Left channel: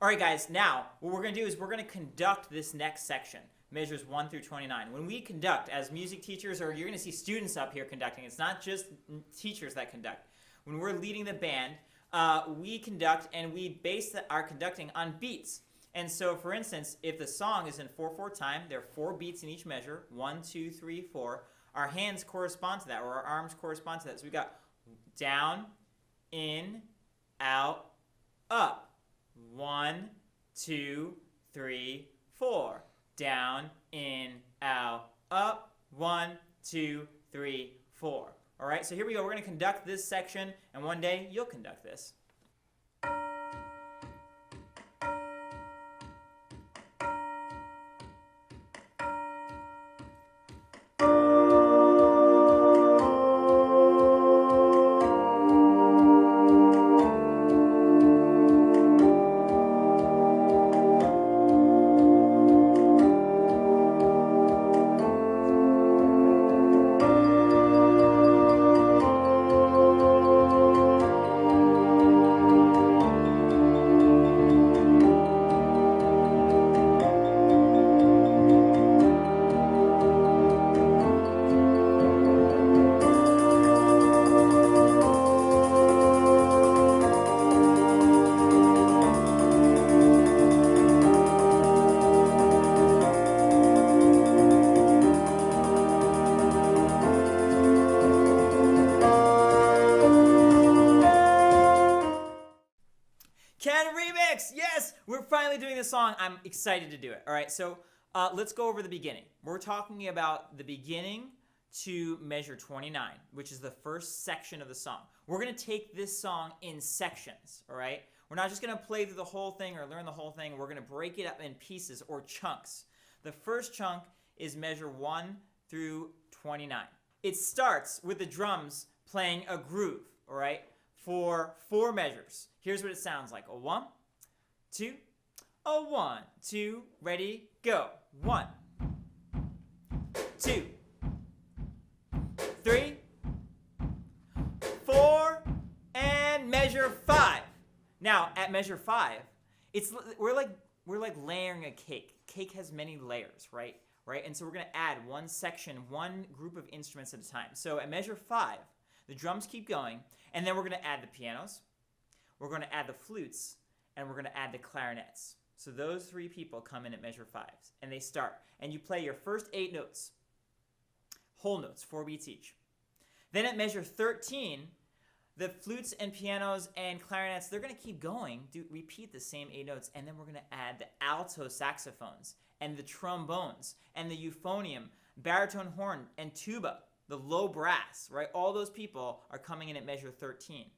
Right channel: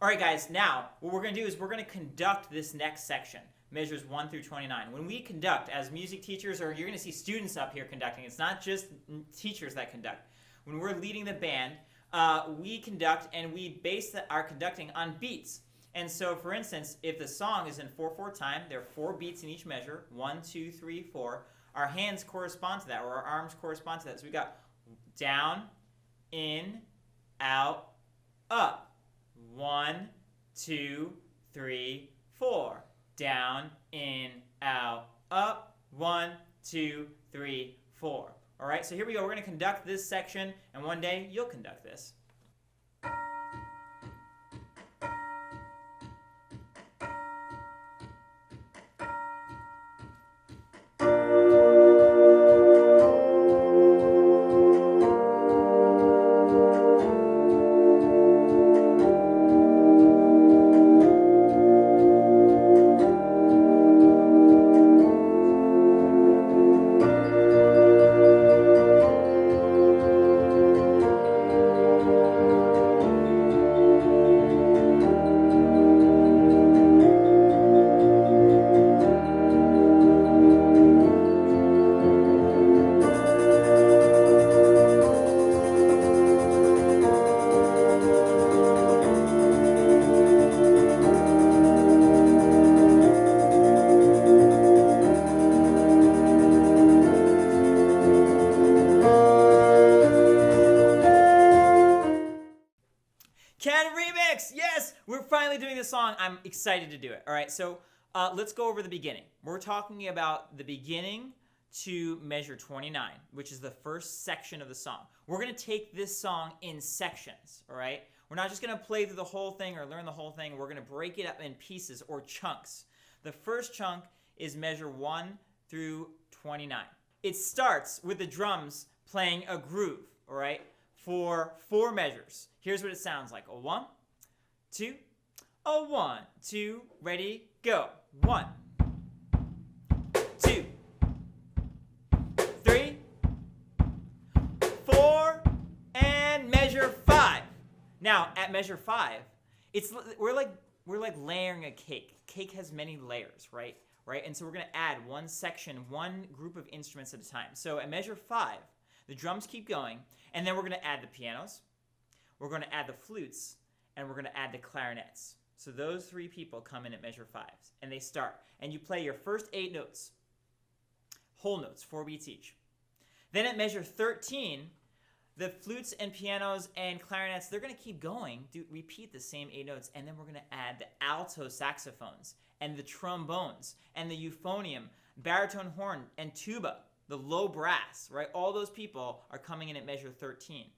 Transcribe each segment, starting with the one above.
All right, guys, now what we're going to do is we're going to conduct this next section, measures 1 through 29. When we conduct as music teachers, or you're going to see students up here conducting, it's not just teachers that conduct. When we're leading the band, we conduct and we base our conducting on beats. And so, for instance, if the song is in 4/4 time, there are 4 beats in each measure, 1, 2, 3, 4. Our hands correspond to that, or our arms correspond to that. So we got down, in, out, up. 1, 2, 3, 4. Down, in, out, up. 1, 2, 3, 4. All right, so here we go. We're going to conduct this section, and one day you'll conduct this. Canon remix! Yes! We're finally doing this song. I'm excited to do it. All right, so let's go over the beginning. We're talking about the beginning to measure 29, which is the first section of the song. We're going to take this song in sections, all right? We're not just going to play through the whole thing or learn the whole thing. We're going to break it up in pieces or chunks. The first chunk is measure 1 through 29. It starts with the drums playing a groove, all right, for 4 measures. Here's what it sounds like. A 1, 2, a 1, 2, ready, go. 1, 2, 3, 4, and measure 5. Now, at measure 5, we're like layering a cake. Cake has many layers, right? And so we're going to add one section, one group of instruments at a time. So at measure 5, the drums keep going, and then we're going to add the pianos, we're going to add the flutes, and we're going to add the clarinets. So those 3 people come in at measure 5, and they start. And you play your first 8 notes, whole notes, 4 beats each. Then at measure 13, the flutes and pianos and clarinets, they're going to keep going, repeat the same 8 notes, and then we're going to add the alto saxophones and the trombones and the euphonium, baritone horn, and tuba, the low brass, right? All those people are coming in at measure 13.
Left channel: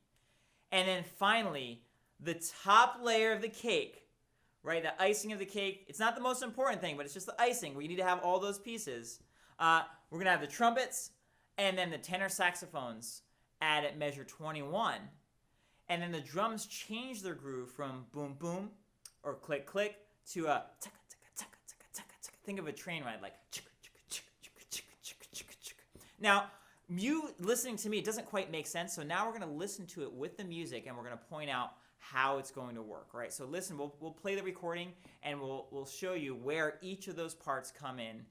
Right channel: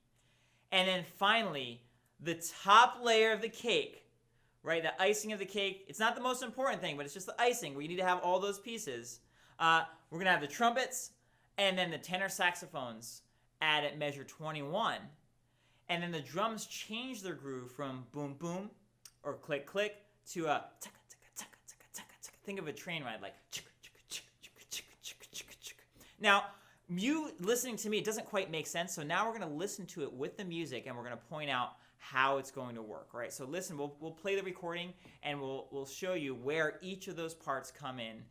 And then finally, the top layer of the cake, right? The icing of the cake. It's not the most important thing, but it's just the icing where you need to have all those pieces. We're going to have the trumpets and then the tenor saxophones add at measure 21. And then the drums change their groove from boom, boom, or click, click, to a taka, taka, taka, taka, taka, taka. Think of a train ride, like chicka, chicka, chicka, chicka, chicka, chicka, chicka, chicka. Now, you listening to me, it doesn't quite make sense. So now we're going to listen to it with the music, and we're going to point out how it's going to work, right? So listen, we'll play the recording, and we'll show you where each of those parts come in.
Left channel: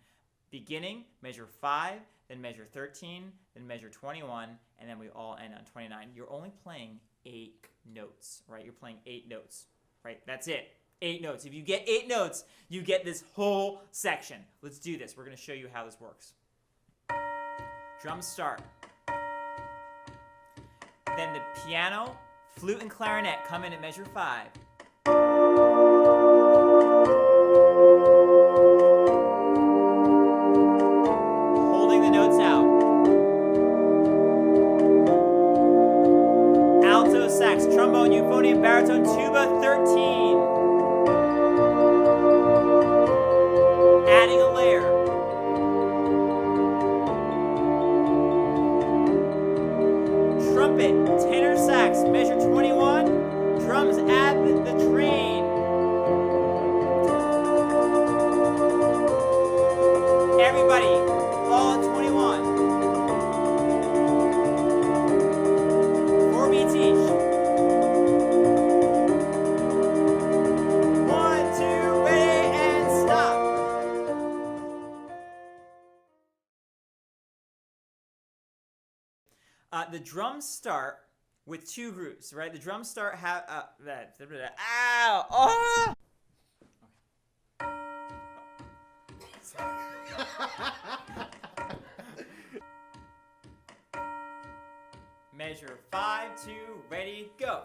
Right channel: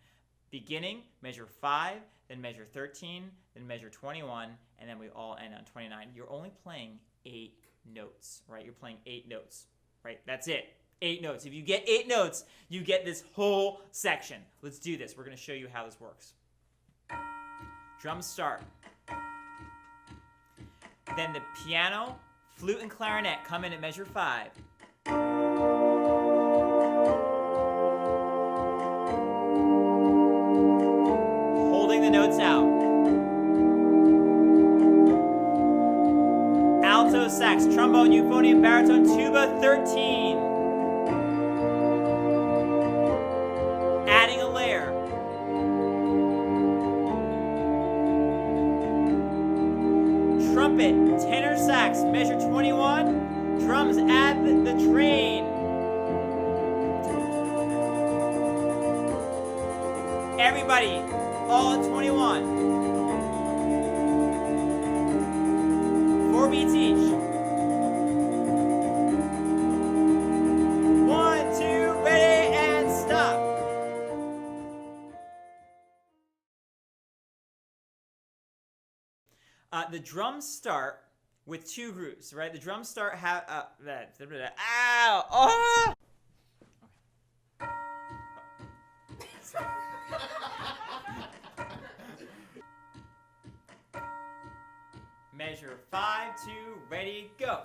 Beginning, measure 5, then measure 13, then measure 21, and then we all end on 29. You're only playing 8 notes, right? You're playing 8 notes, right? That's it. 8 notes. If you get 8 notes, you get this whole section. Let's do this. We're going to show you how this works. Drums start. Then the piano, flute, and clarinet come in at measure 5. Holding the notes out. Alto sax, trombone, euphonium, baritone, tuba, 13. Adding a layer. Trumpet, tenor sax, measure 21. Drums add the train. Everybody, all at 21. 4 beats each. The drums start with 2 grooves, right? The drums start have ow! Oh! Measure 5, 2, ready, go.